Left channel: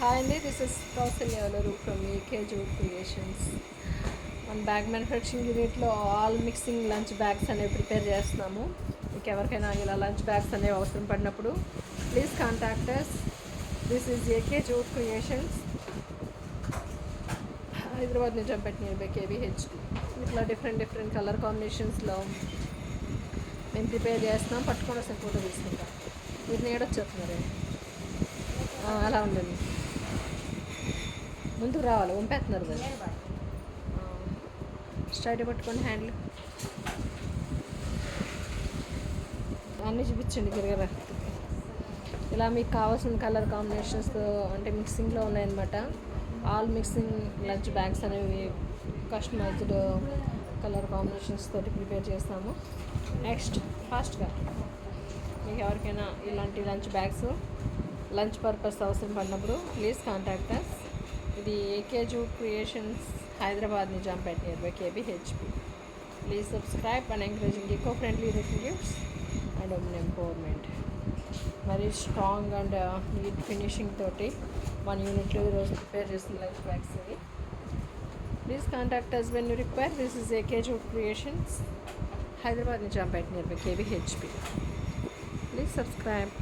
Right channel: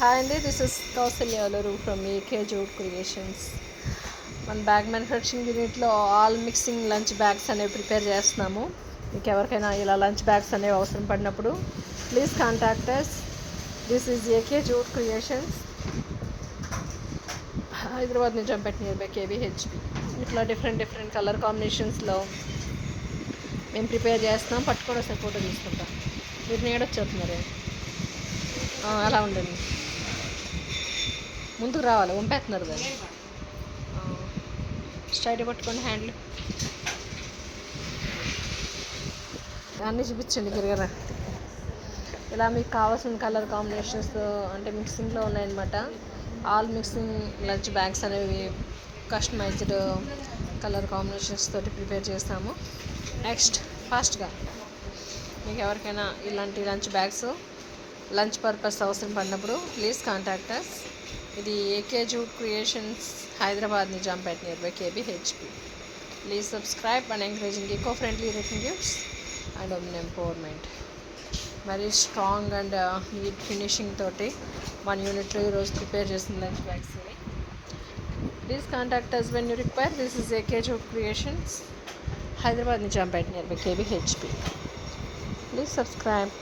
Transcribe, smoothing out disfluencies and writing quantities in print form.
Hi అండి, this is Kousalya Alaru from AK jute creations. మన bag manufacturing యూనిట్లో ఆల్ మిక్సింగ్ లంచ్ బ్యాగ్స్ అనేవి prepare చేస్తున్నాము. మీకు ఎవరికైనా ఇలా లంచ్ బ్యాగ్స్ అనేవి అవసరం పడినప్పుడు please contact us. This is AK jute creations, Hyderabad Nizampet near by KVHP. ఇట్లా డిఫరెంట్ కలర్ కాంబినేషన్స్లో మేము ప్రిపేర్ చేస్తున్నాం. పట్టుకొని వస్తే ఫోటో తీసుకుంటాం. వీటిని ఏడొచ్చేస్తున్నారు, అలా ఉండండి, ముందుకు రావాలి, వంపేస్తున్నారు దాన్ని. స్ట్రైట్ పట్టుకోండి, హ్యాండ్లు అన్నీ చూపించండి గిరగర. ఇలా మీకు కావాల్సిన కలర్ కాంబినేషన్స్తో అంటే మిక్సింగ్లో ఉన్నాయన్నమాట. ఆల్ మిక్సింగ్ లంచ్ బ్యాగ్స్ అనేవి కస్టమైజ్డ్ కలర్ కాంబినేషన్స్ తోటి ప్రిపేర్ చేస్తాము. నెక్స్ట్ ఫాస్ట్గా మీకు ఎవరికైనా ఇలాంటి లంచ్ బ్యాగ్స్ లంచ్ పర్పస్ అవసరం పడినప్పుడు ప్లీజ్ కాంటాక్ట్ అస్. ఇది AK jute creations, Hyderabad Nizampet near by KBHP. Please subscribe and encouraging eco friendly written gifts and women empowerment. Very strong and neat finishing తోటి మన యూనిట్లో ఈరోజు ప్రిపేర్ చేసిన లంచ్ బ్యాగ్స్ ఇవి. Please contact us when you require. This is AK jute creations, Hyderabad Nizampet near by KBHP. Please subscribe.